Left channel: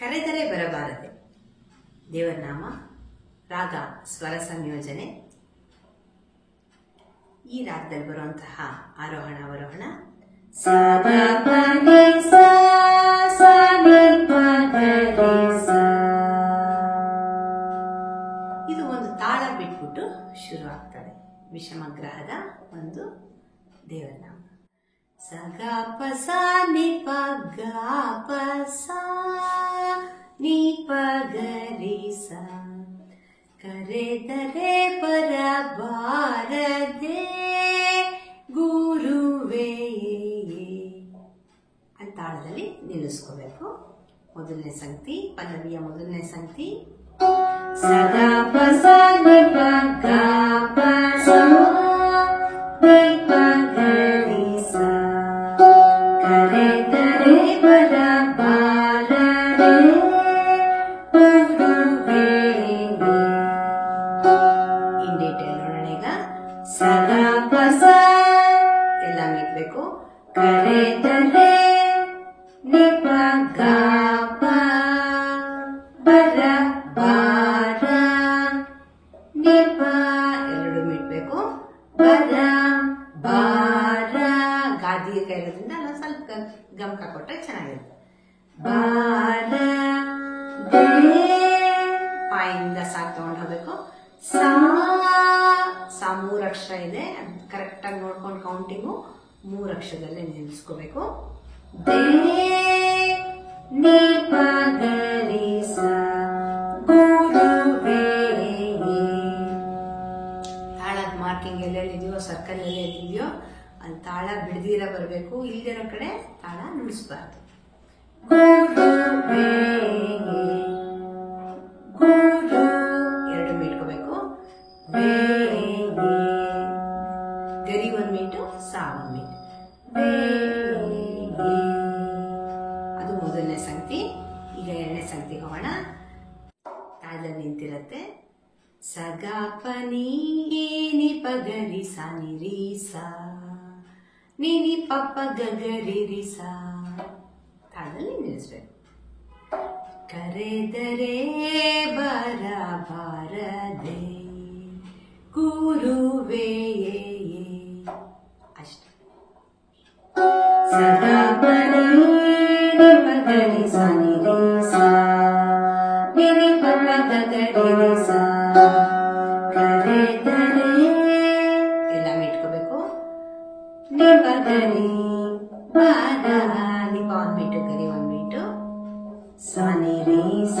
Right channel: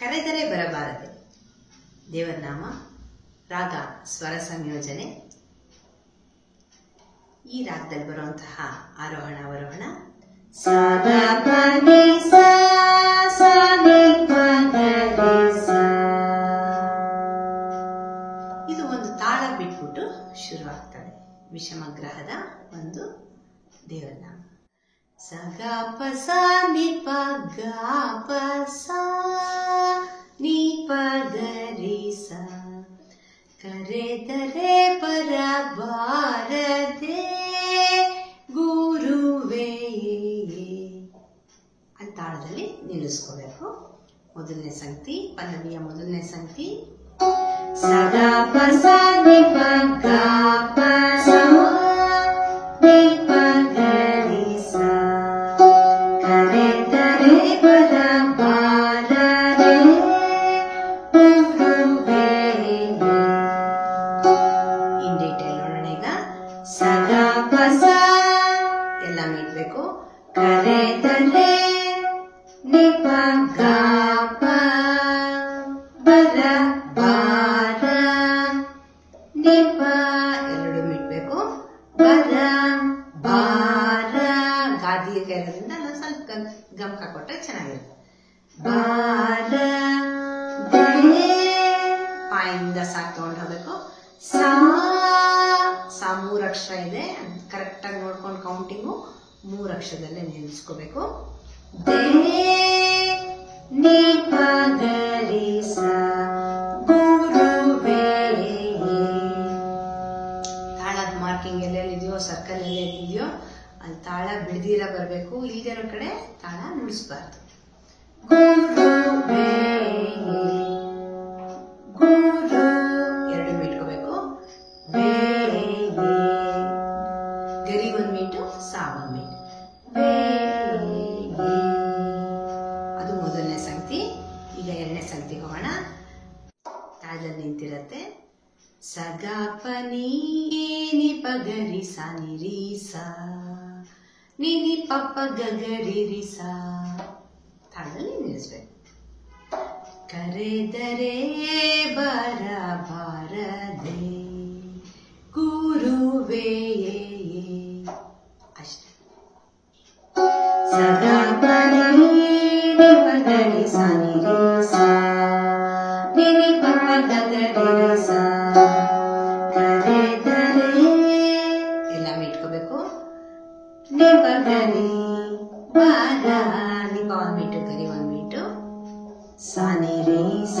ಕರೆದರೆ ಬರಬಾರದೆ ದೇವರ ನಾಮ ರಾಗ ಸ್ವರ ಸಂಯೋಜನೆ. ಈ ರಾಗದಲ್ಲಿ ಬರುವಂತಹ ಆರೋಹಣ ಅವರೋಹಣ ಸ ಗ ಪ ನಿ ಸ ಸ ನಿ ಪ ಗ ರಿ ಸ. ಇದು ಒಂದು ತಾಳ ಬಿಟ್ಬಿಟ್ಟು ಶುರುವಾಗ್ತದೆ. ವಿಷಮಗ್ರಹದ ಒಂದು ದೇವರ ನಾಮ. ಸ ಗ ಪ ಸ ನಿ ಪ ಗ ಪ ಸ ನಿ ಪ ಗ ರಿ ಸ. ಕರೆದರೆ ಬರಬಾರದೆ ಗುರುವೇ ಅಂತ ತಾಳದಲ್ಲಿ ನಿಲ್ಲಿಸ್ಕೋಬೇಕು. ಮೊದಲನೇ ಸಂಗತಿ, ಪಲ್ಲವಿಯ ಮೊದಲನೇ ಸಂಗತಿ ಸ ಗ ಪ ಸ ನಿ ಪ ಗ ಪ ಸ ನಿ ಪ ಗ ರಿ ಸ. ಕರೆದರೆ ಬರಬಾರದೆ ಗುರುವೇ. ಇನ್ ಡೀಟೇಲ್ ನೋಡೋಣ ಈಗ. ಸ ಗ ಪ ಸ ಎಲ್ಲ ಮೀಟ್ಬೇಕು. ಕರೆದರೆ ನಿ ಪ ಗ ಪ ಬರ ಬಾರ ನಿ ಪ ಎರಡು ಮೀಟ್ಬೇಕು. ಬರ ಬಾರ ಗಾದಿಯ ಇರೋದ್ರಿಂದ ನಾವು ಸ್ವಲ್ಪ ಗಮಕ ಕೊಟ್ಟರೆ ಚೆನ್ನಾಗಿರುತ್ತೆ. ಬಾರ ಪಾಯಿಂದ ಸಾಕ್ ತಗೊಂಡು ಹೋಗ್ಬೇಕು. ಸಾ ಸಾ 3 ಅಕ್ಷರ ಇದೆ, ಕರೆಕ್ಟ್ ಆಗಿ ನೋಡ್ಕೊಂಡು ಕೌಂಟಿಂಗು 3 ಅಕ್ಷರದಲ್ಲೇ ನಿಲ್ಲಿಸ್ಕೋಬೇಕು. ದೇ ನಿ ಪ ಗ ರಿ ಸ ಗುರುವೇ. ತಾಳದ ಮಾರ್ಕಿಂಗ್ ಎಲ್ಲೆಲ್ಲಿದೆಯೋ, ಸರ್ಕಲ್ ಎಲ್ಲೆಲ್ಲಿದೆಯೋ ಅಲ್ಲಿ ತಾಳ ಬಿಡದಿರ ಬರಬೇಕು. ಇಲ್ದಿರೋ ಕಡೆ ತಾಳ ನುಡಿಸ್ಬಾರ್ದು. ಗುರುವೇ ಗುರು ಎರಡು ಮೀಟ್ಕೋಬೇಕು. ವೇ ಗರಿ 1 ಮೀಟು, ಸಾ 1 ಮೀಟು. ವೇ ಅದು ಮೊದಲನೇ ಸಂಗತಿ. ಈಗ ಎರಡನೇ ಸಂಗತಿಗೆ ಹೋಗೋಣ. ತಾಳದಲ್ಲಿ ನಿಂತಿರತ್ತೆ. ಸ ಗ ಪ ನಿ ನಿ ಪ ಗ ರಿ ಸ ನಿ ರಿ ಸ ನಿ ನಿ ಪ ಪ ಗ ಗ ರಿ ರಿ ಸ. ತಾಳದಲ್ಲಿ ನಿಲ್ಲಿಸ್ಬೇಕು. ಕರೆದರೆ ಬರಬಾರದೆ ಗುರುವೇ ಅಷ್ಟೇ. ಸ ಗ ಪ ನಿ ನಿ ಪ ಗ ರಿ ಸ ನಿ ರಿ ಸ ನಿ ನಿ ಪ ಪ ಗ ಗ ರಿ ರಿ ಸ. ಕರೆದರೆ ಎಲ್ಲ ಮೀಟ್ಕೋಬೇಕು. ನಿ ಪ ಗ ರಿ ಬರ ನಿ ಪ 1 ಮೀಟು, ಗರಿ 1 ಮೀಟು. ಸ ನಿ ರಿ ಸ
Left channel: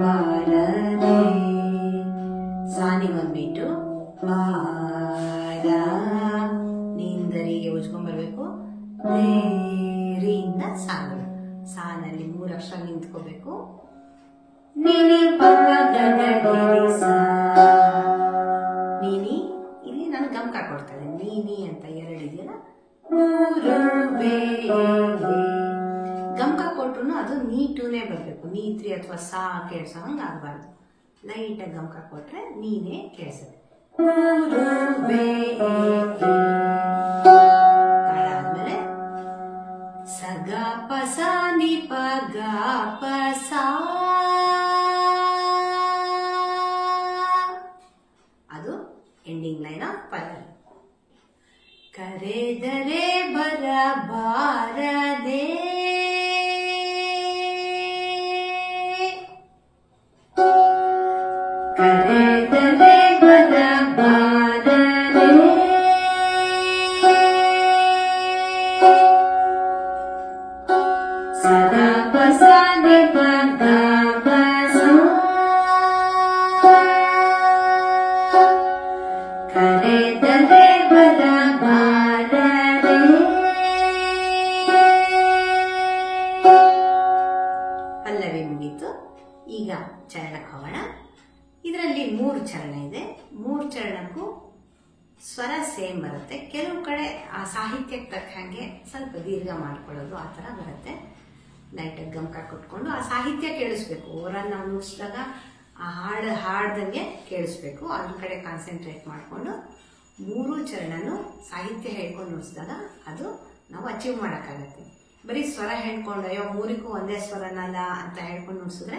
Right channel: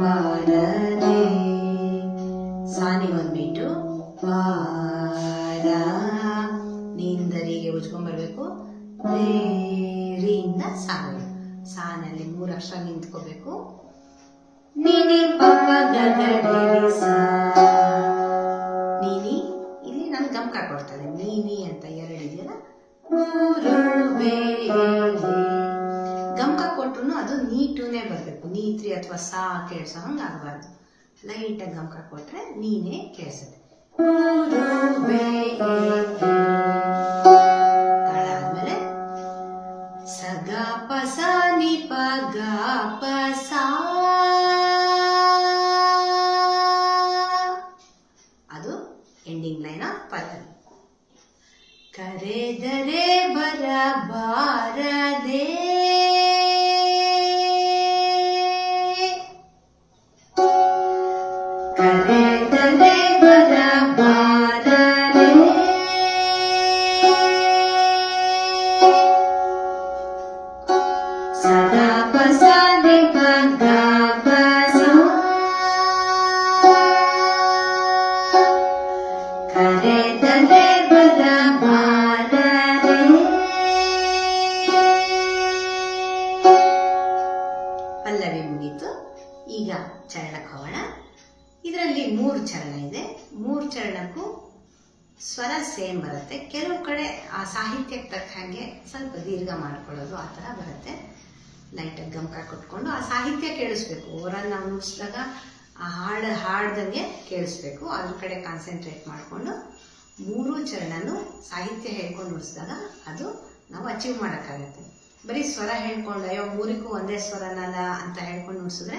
ಬಾರದೆ ಸಾ ನಿ 1 ಮೀಟು. ಬಾರ ನಿಂದರಿಗೆ ಉಜ್ಕೊಂಡ್ಬರ್ಬೇಕು. ರಿಯಿಂದ ಸಾಗಬೇಕು. ಸಾನಲ್ಲಿ 3 ಅಕ್ಷರ ನಿಂತ್ಕೋಬೇಕು. ನೀನಿ ಪಪ್ಪ ಗಗರಿ ಸ. ನೀನಿ ಇಲ್ಲಿ ನಾನು ಗಮಕ ಕೊಡ್ತಾ ಇದ್ದೀನಿ. ನೀನಿ ಅಂತ 2 ಇದೆಯಲ್ಲ. ಗುರುವೇ ಗಮಕ ಕೊಟ್ರು ಅದು ನೀಟುನೇ ಬರಬೇಕು. ನೀತ್ರಿ ಅಥವಾ ಸಾ ಕೇಳಿಸೋ ಹಂಗೆ ಆಗಬಾರ್ದು. ಲೈಟಾಗಿ ಗಮಕ ಕೊಟ್ರೆ ನೀನೇ ಕೇಳಿಸುತ್ತೆ. ಗುರುವೇ. ತಾಳ ಆದ್ಮೇಲೆ ಸ ಗ ಪ ಸ ನಿ ಪ ಗ ಪ ಸ. ಅದು ಎಂಡಿಂಗ್ ಲೈನ್ ಆಫ್ ಪಲ್ಲವಿ. ಕರೆದರೆ ಬರಬಾರದೆ ಕರೆದರೆ ಬರಬಾರದೆ ಸ ಗ ಪ ಸ ನಿ ಪ ಗ ಪ ಸ. ಕರೆದರೆ ಬರಬಾರದೆ. ಪಲ್ಲವಿ ಮುಗೀತು. ಈಗ ಚರಣಕ್ಕೆ ಹೋಗೋಣ. ಇದರಲ್ಲಿ 3 ಚರಣ ಇದೆ. 3 ಚರಣಕ್ಕೂ ಸ್ವರ ಸೇಮ್ ಬರುತ್ತೆ. ಕೆಲವು ಕಡೆ ಆ ಸಾಹಿತ್ಯಕ್ಕೆ ತಕ್ಕ ಹಾಗೆ ಸ್ವಲ್ಪ ದೀರ್ಘ ಮಾಡ್ಕೊಳ್ಳೋದು ಆ ಥರ ಬರುತ್ತೆ. ಲೈಟಾಗಿ ಗಮಕ ಕೊಟ್ಕೊಂಡು ಆ ಸಾಹಿತ್ಯ ಕೇಳಿಸ್ಬೇಕು. ಓವರಾಲ್ ನಾವು ನುಡಿಸಿದಾಗ ಆ ಹಾಡ್ದಂಗೆ ಕೇಳಿಸ್ಬೇಕು. ಅದ್ರ ಕಡೆ ಕಾನ್ಸಂಟ್ರೇಟ್ ಮಾಡಿಕೊಂಡು 3 ಚರಣನೂ ಸಾಹಿತ್ಯ ಹೇಳ್ಕೊಂಡು ನುಡಿಸಿದಾಗ ಅದು ನಾವು ಅಚೀವ್ ಮಾಡೋಕ್ಕಾಗತ್ತೆ. ಬರೀ ಸ್ವರ ಹೇಳ್ಕೊಂಡು ಅಯ್ಯೋ ಮೂರಿಗೂ ಒಂದೇ ಸ್ವರನಲ್ಲ ಅಂತ ಹೇಳ್ಕೊಂಡು ನುಡಿಸಿದ್ರೆ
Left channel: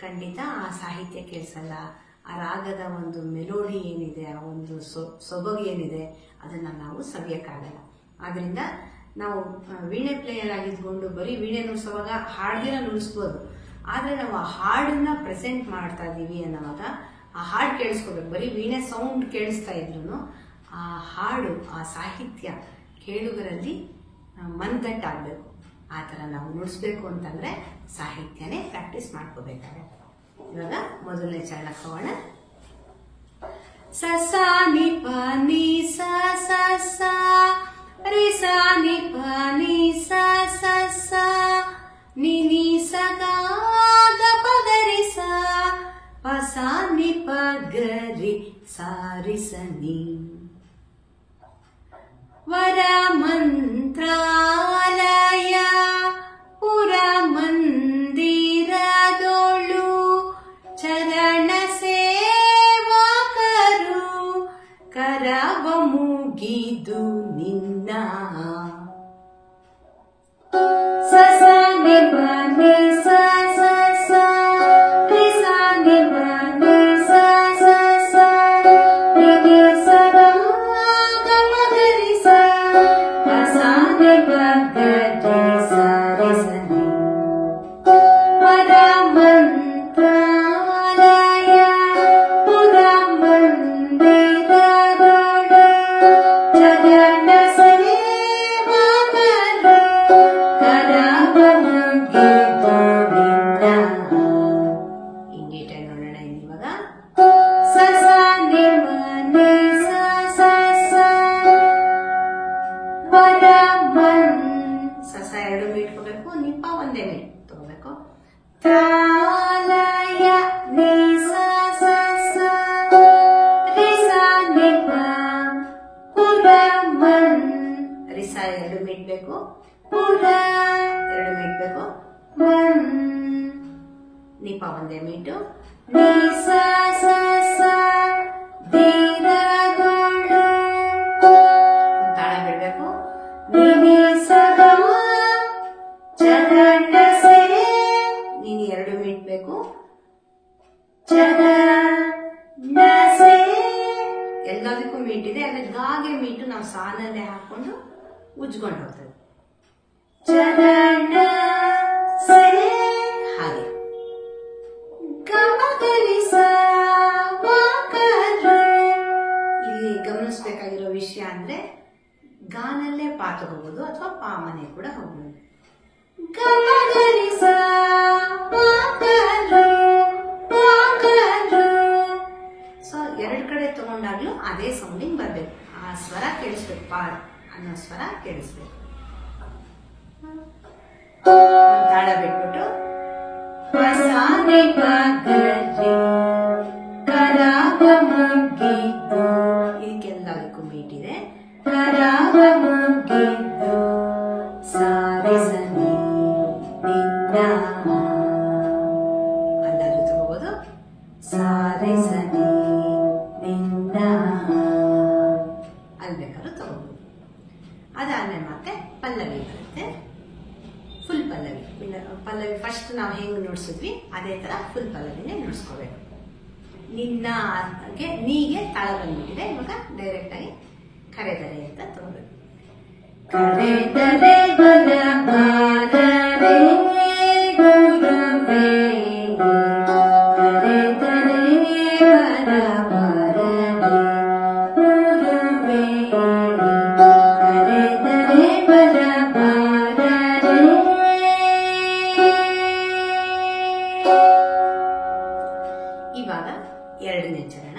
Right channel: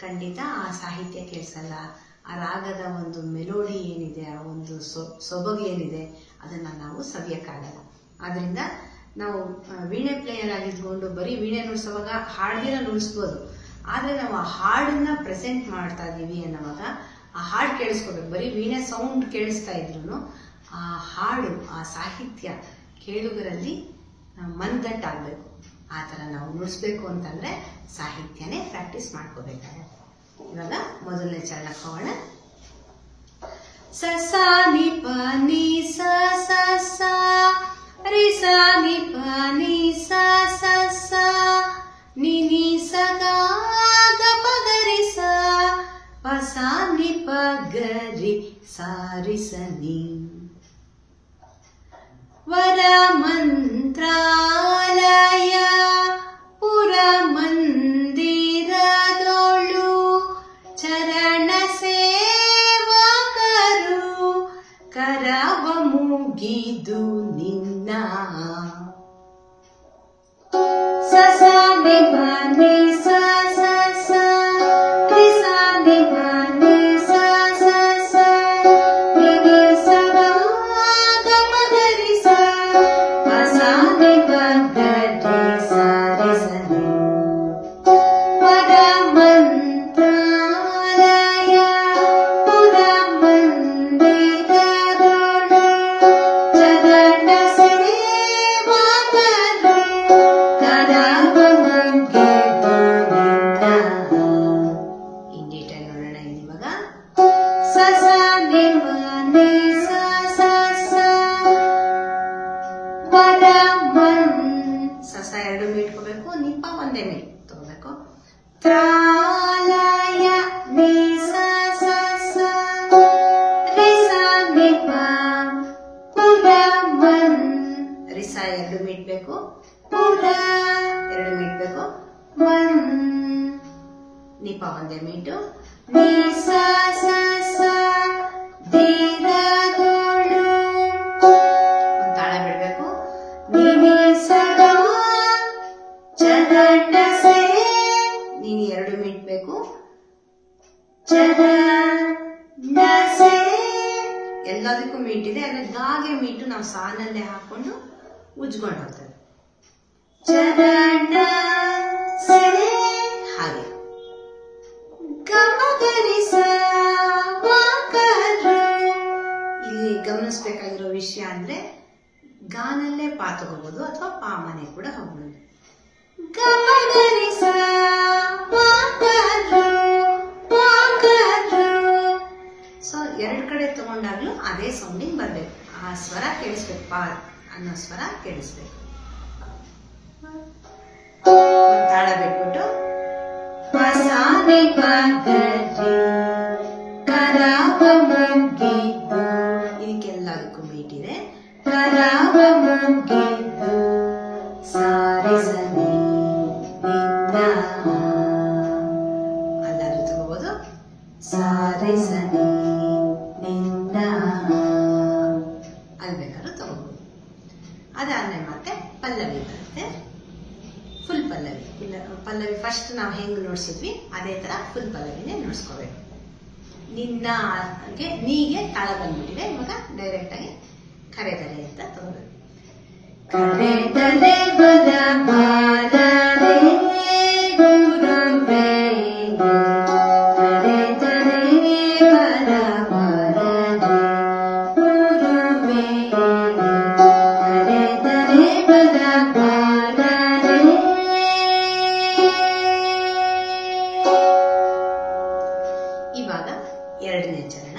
ಖಂಡಿತ ಆ ಸಾಹಿತ್ಯ ಕೇಳಿಸಲ್ಲ. ಆ ರಾಗದ ಒಂದು ಮೆಲೋಡಿ ಏನಿದೆ, ಆ ಒಂದು ಸೊಬಗು ಏನಿದೆ ಅದನ್ನು ನಾವು ಸವಿಯೋಕ್ಕಾಗಲ್ಲ. ಆದ್ದರಿಂದ ನಾವು ವೀಣೆ ಪ್ಲೇಯರ್ ಆಗಿದ್ಕೊಂಡು ಬರೀ ವೀಣೆ ನುಡಿಸುವಾಗ ಹಾಡ್ದಿರ ನುಡಿಸ್ಬೋದು. ಆದರೆ ನಾವು ಆ ಹಾಡನ್ನ ಪ್ರೆಸೆಂಟ್ ಮಾಡ್ತಾ ಇದ್ದೀವಿ ಅನ್ನೋವಾಗ ಆ ಹಾಡು ಕೇಳಿಸ್ಕೋಬೇಕು. ಬರೀ ವೀಣೆ ಸೌಂಡ್ ಕೇಳಿಸ್ತಾ ಇದ್ರು ಆ ಹಾಡು, ಆ ಸಾಹಿತ್ಯ ಕೇಳುಗರಲ್ಲಿ ಮನದಟ್ಟಾಗಬೇಕು. ಆ ಥರ ನಾವು ನುಡಿಸ್ಬೇಕು ಅಂತಂದರೆ ಸಾಹಿತ್ಯನೇ ಪ್ರಾಕ್ಟೀಸ್ ಮಾಡ್ಕೋಬೇಕಾಗತ್ತೆ. ಇವಾಗ ಮೊದಲನೇ ಚರಣಕ್ಕೆ ಹೋಗೋಣ. ಸ ಸ ನಿ ಪ ನಿ ಸ ಸ ಸ ರಿ ಸ ನಿ ಪ ನಿ ಸ ಸ ಸ ನಿ ನಿ ಸ ಗ ಗ ಪ ಗ ರಿ ಸ ಪ ಸ ನಿ ಪ ಗ ರಿ ಸ ರಿ ಸ ನಿ. ವರ ಮಂತ್ರಾಲಯ ಪುರ ಮಂದಿರದೊಳು ಚರಣ ಸೇವಕರು ಕರವ ಮುಗಿದು ನಿನ್ನ. ಸ ಸ ನಿ ಪ ನಿ ಸ ಸ ಸ ರಿ ಸ ನಿ ಪ ನಿ ಸ ಸ ಸ ನಿ ನಿ ಸ ಗ ಗ ಪ ಗ ರಿ ಸ ಪ ಸ ನಿ ಪ ಗ ರಿ ಸ ರಿ ಸ ನಿ. ವರ ಮಂತ್ರಾಲಯ ಪುರ ಮಂದಿರದೊಳು ಚರಣ ಸೇವಕರು ಕರವ ಮುಗಿದು ನಿನ್ನ. ಇಂಗೀಟ ನೋಡೋಣ ಇವಾಗ. ಸ ಸ ನಿ ಪ ನಿ ಸ ಸ ಸ ವರ ಮನ್ ಸ ಸ ಎರಡು ಮೀಟ್ಕೋಬೇಕು, ನಿಪ ಒಂದೇ ಮೀಟ್ ತಗೋಬೇಕು. ತ್ರಾಲಯ ನಿ ಸ ಸ ಸ ರಿ ಸ ನಿ ಪ ಪುರ ಮನ್ ರಿ ಸ ಎರಡು ಮೀಟ್ಬೇಕು, ಪುರ ಎರಡು ಮೀಟ್ಬೇಕು, ಮನ್ ನಿಪ ಒಂದೇ ಮೀಟು. ನಿ ಸ ಸ ಸ ಧೀರದೊಳು ತಾಳ ಬಿಡ್ಬೇಕು. ನಿ ನಿ ಸ ಗ ಚರಣ ಸೇ ನೀನು ಎರಡು ಮೀಟ್ಬೇಕು, ಚರಣ ಸೇ ಎಲ್ಲದಕ್ಕೂ ಮೀಟಿದೆ. ಅಂದ್ರೆ ಗಾಗೆ ಮೀಟು ನಾವು ಸಾನಲ್ಲೇ ಹಾಕೊಂಡು ಉಜ್ಕೊಂಡು ಹೋಗ್ತದೆ. ಚರಣ ಸೇ ಹಾಗೆ ಗಮಗರಿಸ ಇಲ್ಲಿ ಗಮನಿಸ್ಬೇಕಾಗಿರೋ ವಿಷಯ ಅಂದ್ರೆ ಗಾನಲ್ಲೇ ಪಾ ತಗೋಬಹುದು ಅಥವಾ ಪಾ ಮನೆ ಕೂಡ ಹೋಗ್ಬೋದು. ಗಮಗರಿಸ ಸೊ ಎರಡು ಕಡೆ ತಗೊಂಡಾಗ್ಲೂ ಅದೇ ಸೌಂಡಿಂಗ್ ಬರ್ಬೇಕು. ಆ ಸ್ವರ ಕೇಳಿಸ್ಬೇಕು, ಪಾ ಅನ್ನೋ ಸ್ವರ ಕೇಳಿಸ್ಬೇಕು. ಒಂದ್ ತಾಳ ಬಿಟ್ಬಿಟ್ಟು ಪ ಸ ನಿ ಪ ಗ ರಿ ಕರವ ಮುಗಿದು, ಇದಕ್ಕೆಲ್ಲದಕ್ಕೂ ಮೀಟಿದೆ. ಕರವ ಮುಗಿದು ಸ ರಿ ಸ ನಿ ನಿನ್ನ. ಅಲ್ಲಾದ್ರೂ ತಗೋಬಹುದು. ಸ ರಿ ಸ ನಿ ನಿನ್ನ ಅಲ್ಲಿ ಬೇಕಾದ್ರೂ ತಗೋಬಹುದು. ಅದಾದ್ಮೇಲೆ ಮತ್ತೆ ಪಲ್ಲವಿ ಬರುತ್ತೆ. ಫುಲ್ ಪಲ್ಲವಿ. ಪಲ್ಲವಿ ಫಸ್ಟ್ ನಾವು ಹೆಂಗ್ ನೋಡ್ಸಿದ್ವಿ ಅದೇ ತರ ಫುಲ್ ಪಲ್ಲವಿನೇ ನೋಡ್ಸ್ಕೋಬೇಕು. ನಿನ್ನಗೆ ನೀಗೆ ತಾಳ ಬಂದ್ಬಿಟ್ಟಿದೆ. ಇವಾಗ ಡೈರೆಕ್ಟ್ ಆಗಿ ಕರೆದರೆ ಅಂತ ತಗೋಬೇಕು. ಕರೆದರೆ ಬರ ಬಾರರೆ ಗುರುವೇ, ಕರೆದರೆ ಬರ ಬಾರರೆ ಗುರುವೇ, ಕರೆದರೆ ಬರ ಬಾರರೆ. ಇವಾಗ ಎರಡನೇ ಚರಣ.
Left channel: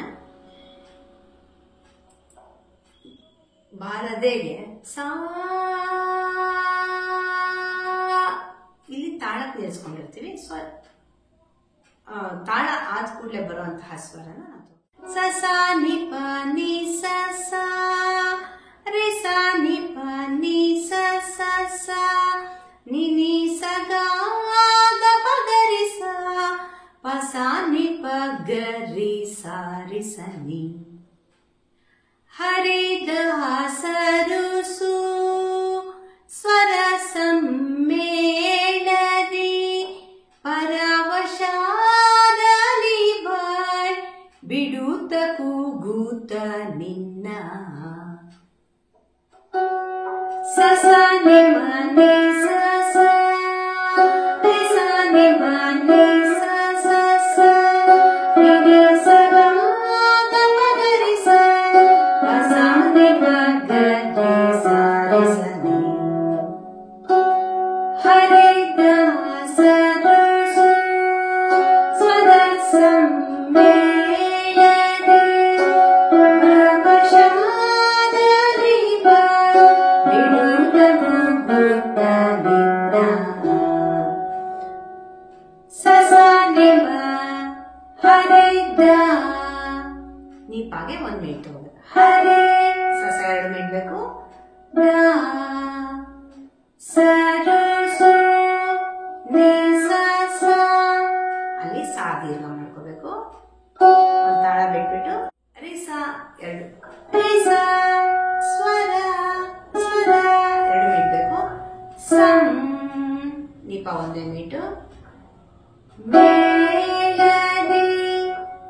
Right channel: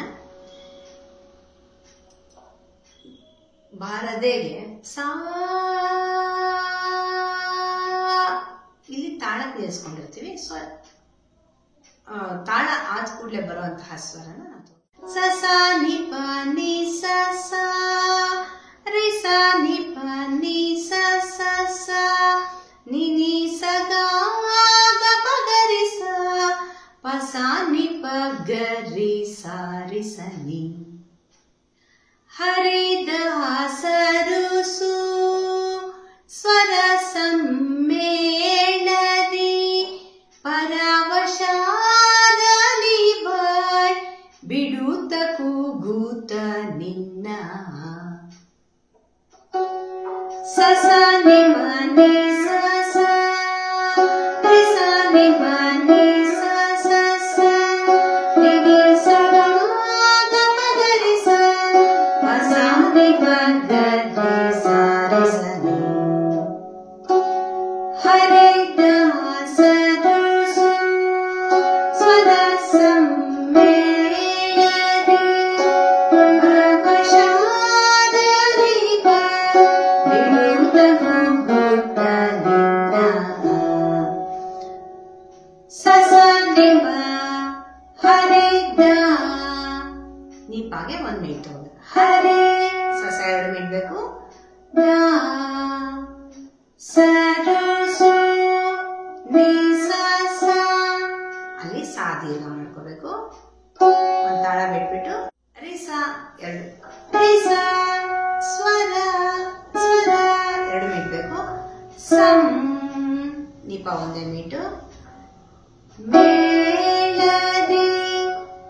ಬಾರದೆಗೆ ಸಾ, ಇಲ್ಲಿ ತಾಳಕ್ಕೆ ನಿಲ್ಸ್ಕೊಂಡಿರ್ತೀವಿ. ಸೊ ತಾಳ ಆದ ಕೂಡಲೇ ಬರುವಂತಹ ಸ್ವರನ ನಾವು ಸ ಸ ನಿ ಪ ನಿ ಸ ಸ ರಿ ಸ ನಿ ಪ ನಿ ಸ ಸ ಸ ನಿ ನಿ ಸ ಗ ಗ ಪ ಗ ರಿ ಸ ಪ ಸ ನಿ ಪ ಗ ರಿ ಸ ರಿ ಸ ನಿ. ಹರಿದ ಹಸರುಸು ಸ್ವರ ಸಮ್ಮೇಳನ ಮೇಳದಿ ಪರವಶಾದಲಿ ಬಾಯ್ ಬಿಡುತ್ತ ಕೂಗುತ್ತ ನಿನ್ನ ಸಸ ನಿಮನೆ ಸಸ ರಿಸ ನಿಮನೆ ಸಸ ನಿನಿ ಸದಾ ಗಮಗರಿ ಸ ಪಸ ನಿಮಗರಿ ಸಾರೆ ಸನಿ ಹರೆ ದಾಸರು ಸ್ವದ ಸಮ್ಮೇಳದಿ ಪರವಶಾದಲಿ ಬಿಡುತ್ತ ಕೂಗುತ್ತ ನಿನ್ನ ಸಸ ನಿಮ ಹರೆ ದ ನೀಪಾಗೆ ಒಂದ್ ಮಿನಿಟ್ ತಗೋಬೇಕು. ಹರೆ ಸಸ 2 ಮಿನಿಟ್ ಬೇಕು. ದ ಸರು ಸು ನಿ ಸ ಅಲ್ಲಿ ಸಾ ದೀರ್ಘ ಮಾಡ್ಕೋಬೇಕು. ಒಂದ್ ತಾಳ ಬಿಟ್ಬಿಟ್ಟು ರಿಸ 2 ರಿಸ ಸ್ವರ ಸ್ವರ 2 ಮಿನಿಟ್ ಬೇಕು. ಸಂ ನಿಪ 1 ಮಿನಿಟ್. ಮೇಳದಿ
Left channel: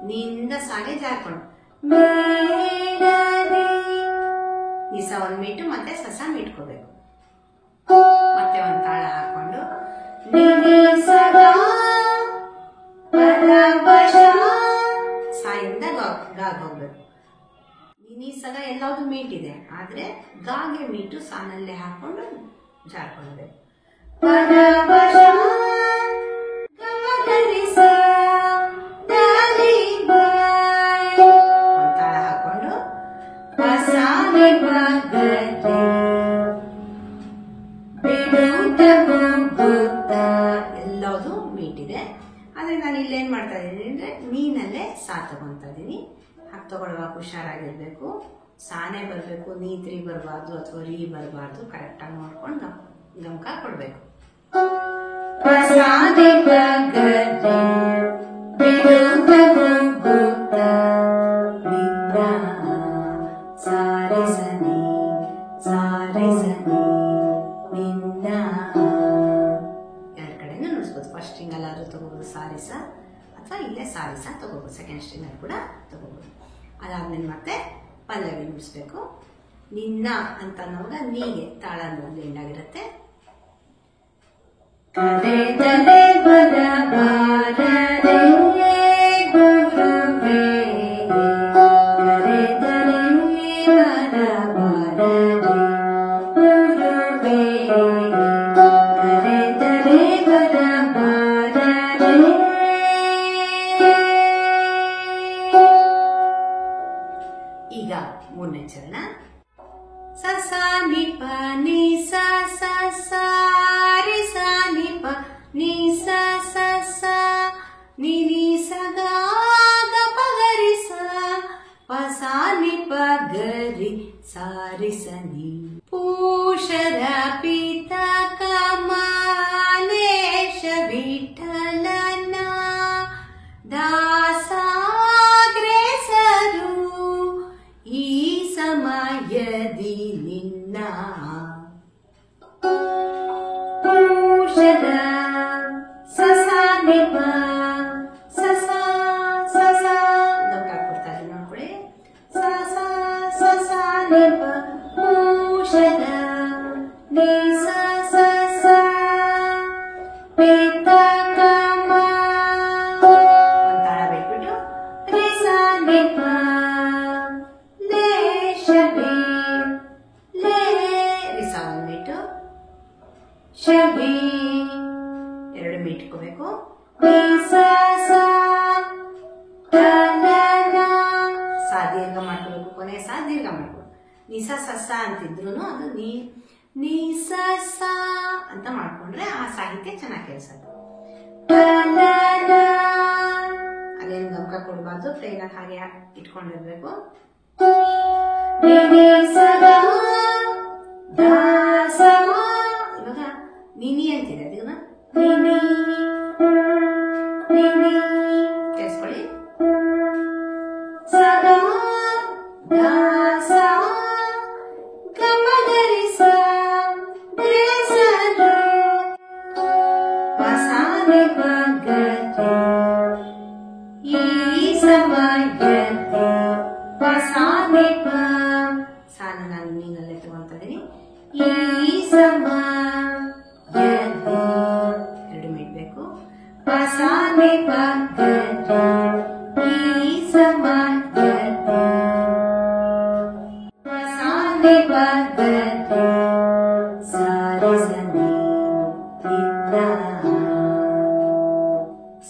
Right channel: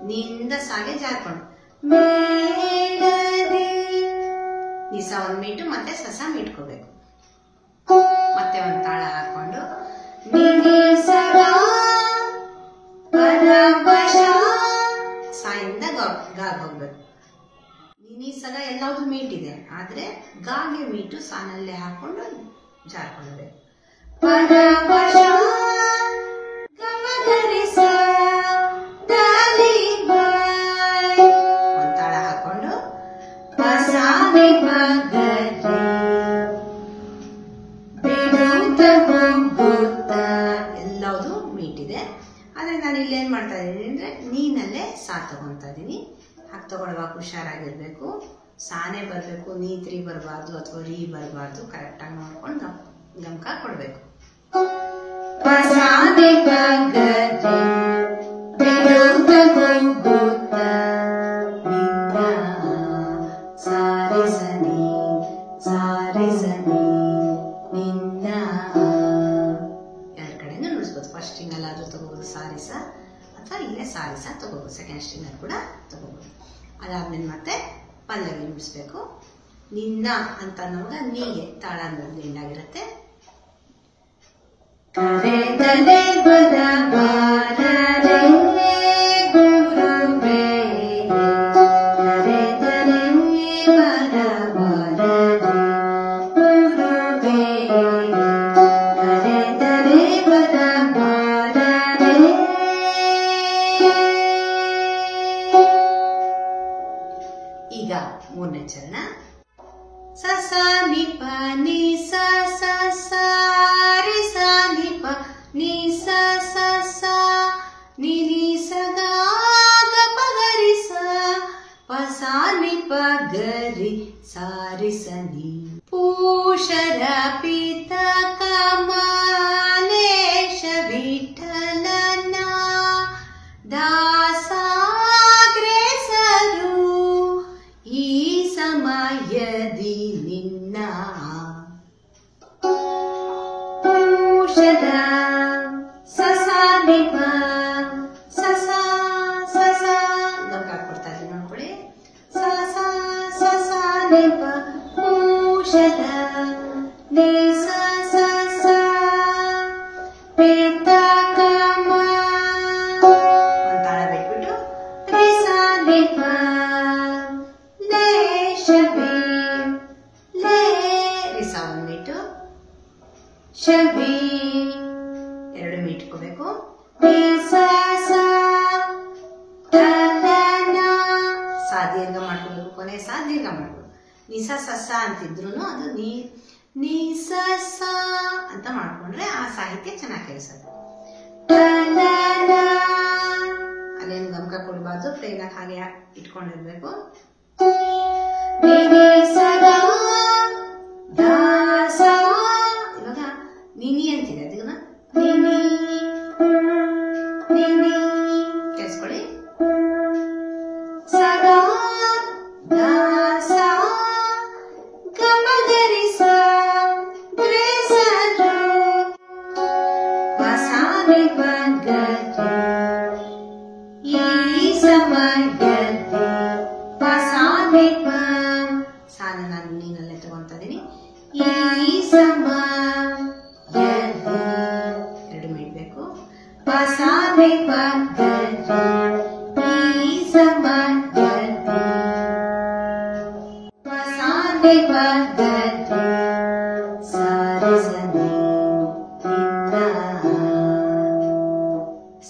ನಿಂದ ಸಾಗೆ ಜಾರ್ಕೊಂಡು ಮೇಳದಿ ನಿಸ 1 ಮಿನಿಟ್ ಮತ್ತೆ ಸಸ ಮೀಟ್ಕೋಬೇಕು. ಮತ್ತೆ ಒಂದ್ ತಾಳ ಹಾಕೊಂಡು ನಿನಿ ಸದಾ ಪರವಶ ಸಾಯಿಂದ ಗಾಗ್ ಹೋಗ್ಬೇಕು. ನಿನಿ ಸಗ ಎಲ್ಲಾವುದು ಮೀಟ್ ಇದೆ, ಆದ್ರೆ ಗಾಗೆ ಮೀಟು ಸಾನಲ್ಲೇ ಹಾಕೊಂಡು ಜಾರ್ಕೊಳ್ಬೇಕು. ಪರವಶ ಗಮಗರಿ ಸ ದಾಲಿ ಬಾಯ್ ಒಂದ್ ತಾಳ ಹಾಕೊಂಡು ಪಸಾನೆ ಬಗರಿ ಬಿಡುತ್ತ ಕೂಗುತ್ತ ಎಲ್ಲವುದು ಮೀಟಿದೆ. ಆದ್ರೆ ನಾನು ಇಲ್ಲೇನ್ ಮಾಡ್ತಾ ಇದ್ದೀನಿ ಅಂದ್ರೆ ನೀನಲ್ಲೇ ಸಾ ತಗೊಂತಾ ಇದೀನಿ. ಹಾಗೆ ತಗೊಳ್ಳುವಾಗ ಹುಷಾರಾಗಿರ್ಬೇಕು. ಸಾನೆ ಬರ್ಬೇಕು, ನೀತ್ರಿ ಬರಬಾರ್ದು ಅಥವಾ ರೀ ಬರಬಾರ್ದು. ಕರೆಕ್ಟಾಗಿ ನೋಡ್ಕೊಂಡು ಗಮಕ ಕೊಡ್ಬೇಕು. ಪಸಾನೆ ಬಗರಿ ಬಿಡುತ್ತ ಕೂಗುತ್ತ ನಿನ್ನ ಸಾರೆ ಸನಿ ನಿನ್ನ 2 ಕಡೆನೂ ನುಡಿಸ್ಬೋದು. ಫಸ್ಟ್ ಸ್ಟ್ರಿಂಗ್ ಅಲ್ಲಾದ್ರೂ ತಗೋಬಹುದು ಸಾರಿಸ, ಅಥವಾ ಇಲ್ಲೇ ಸಾರಿಸ ತಗೋಬಹುದು. ಸೆಕೆಂಡ್ ಸ್ಟ್ರಿಂಗ್ ಅಲ್ಲಿ ಕೂಡ ತಗೋಬಹುದು. ಅದಾದ್ಮೇಲೆ ಮತ್ತೆ ಪಲ್ಲವಿ ನುಡಿಸ್ಬೇಕು. ನಿನ್ನ ಅಂತ ನಮಗ ನೀಗೆ ತಾಳ ಎಂಡಾಗಿರುತ್ತೆ. ಕರೆದಲೆ ಬರಬಾರದೆ ಗುರುವೇ ಕರೆದಲೆ ಬರಬಾರದೆ ಗುರುವೇ ಕರೆದಲೆ ಬರಬಾರದೆ. ಈಗ 3ನೇ ಚರಣ. ಸಸ ನಿಪ ನಿ ಸ ಸ ಸ ರಿ ಸ ನಿಪ ನಿ ಸ ಸ ಸ ನಿ ನಿ ಸ ಗ ಗ ಪ ಗ ರಿ ಸ ಪ ಸ ನಿ ಪ ಗ ರಿ ಸ ರಿ ಸ ನಿ. ಪೂಷರ ಪಿತ ಕಮಲೇಶ ವಿಠಲನ ದಾಸಾಗ್ರೇಸರು ಈ ಸಮಯದಿ ನಿನ್ನ ಪೂಷರ ಸಸ ನಿಪ ಸಸ ಸಸ ಗಮಕ ಕೊಡ್ತಾ ಇದ್ದೀನಿ ನೋಡ್ಕೊಳ್ಳಿ. ಸಸ ಸಸ ನಿಪ ಪೂಷರ ನಿ ಸ ಸ ಸ ಪಿತ ಕಮ ಒಂದ್ ತಾಳ ಬಿಟ್ಬಿಟ್ಟು ರಿ ಸ ನಿಪ ಶಬಿ 2 ಮೀಟ್ಕೋಬೇಕು. ಸಾ ದೀರ್ಘ ಮಾಡ್ಕೋಬೇಕು. ಕೊನೆ ಸಾ ದೀರ್ಘ ಮಾಡ್ಕೋಬೇಕು. ನಿಸ ಸಸ ಅಂತಿದ್ರು ಅದು ನೀ ಸ ಸ ಅಂತ ಮಾಡ್ಕೊಂಡ್ರೆ ಆ ಸಾಹಿತ್ಯ ಚೆನ್ನಾಗಿ ಕೇಳಿಸುತ್ತೆ. ಅಲ್ಲೇನು ಗಮಕ ಕೊಡಬಾರ್ದು. ಪ್ಲೇನ್ ಆಗಿ ಹಾಗೆ ಇಟ್ಕೊಂಡಿರ್ಬೇಕು. ಇವಾಗ ನಿನಿ ಅಂತಿದೆ, ಅದನ್ನ ನಿನಿ ನಿನಿ ಕೇಳಿಸ್ಕೊಳ್ಳಿ. ಸದಾ ದಾಸ ಗಮಗರಿ ಸ ಗ್ರೇಸರು ನಿ ಪ ಗ ರಿ ಸಾ ರೆ ಸ ನಿ ನಿಂದ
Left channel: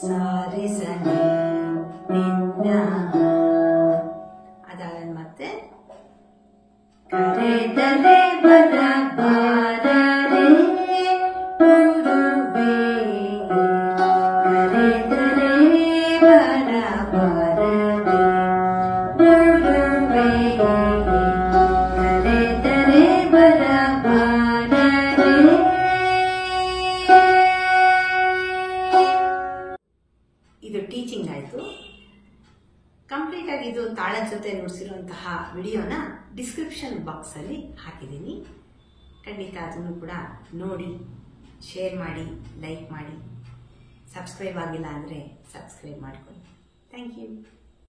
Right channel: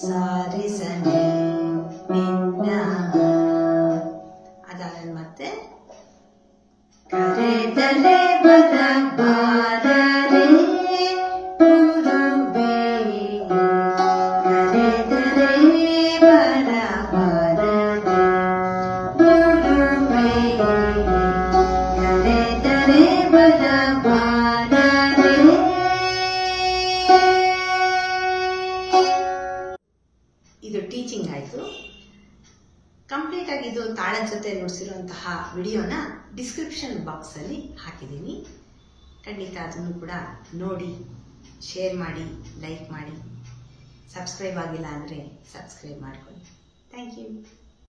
ಸಾ ರೆ ಸ ನಿ ನಿಂದ. ಅದಾದ್ಮೇಲೆ ಮತ್ತೆ ಕರೆದರೆ ಬರ ಬಾರರೆ ಗುರುವೇ ಕರೆದರೆ ಬರ ಬಾರರೆ ಗುರುವೇ ಕರೆದರೆ ಬರ ಬಾರರೆ. ಇದು ಟೀಚಿಂಗ್ ಆಯಿತು. ಕಂಪ್ಲೀಟ್ ಆಗಿ ಇದು ತಾಳದ ಜೊತೆ ನುಡಿಸಿರುವಂತಹ ವಿಡಿಯೋನ ಡಿಸ್ಕ್ರಿಪ್ಷನ್ ಬಾಕ್ಸಲ್ಲಿ ಹಾಕಿದ್ದೀನಿ. ಖಂಡಿತ ಅದನ್ನು ಕೂಡ ನೋಡಿ, ಶೇರ್ ಮಾಡಿ, ಲೈಕ್ ಮಾಡಿ. ಸಬ್ಸ್ಕ್ರೈಬ್ ಆಗಿಲ್ಲ ಅಂದರೆ ಸಬ್ಸ್ಕ್ರೈಬ್ ಮಾಡ್ಕೊಳ್ಳಿ. Thank you.